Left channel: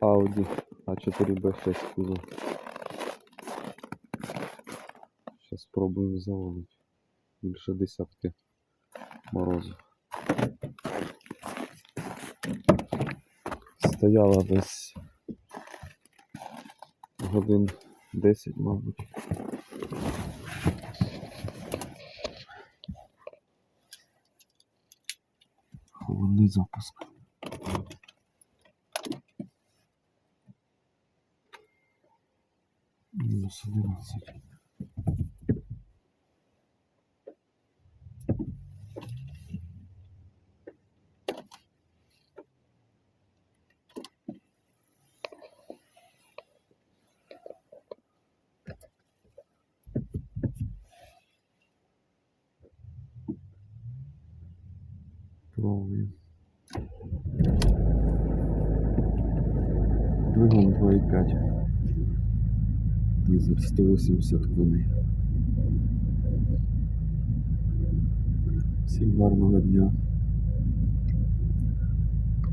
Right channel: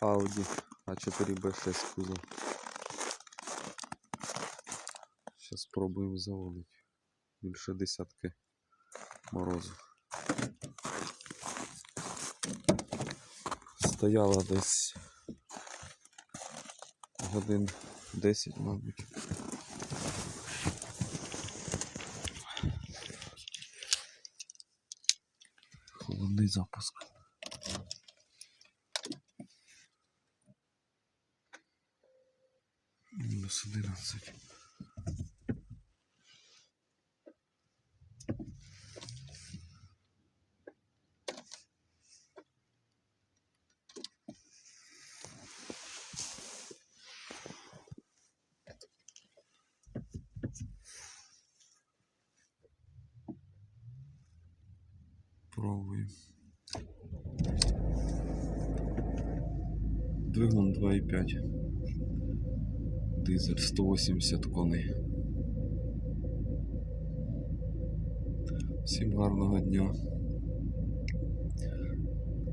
Audi А4Б6 кузов. Зараз спробуємо заводити. Більше десятки морозу. Стояла десь годин 10, мабуть. Холодний запуск. Мінус 11. Пробуємо. Двигун 2,5. Дизель 180 коней. Всім гарного дня.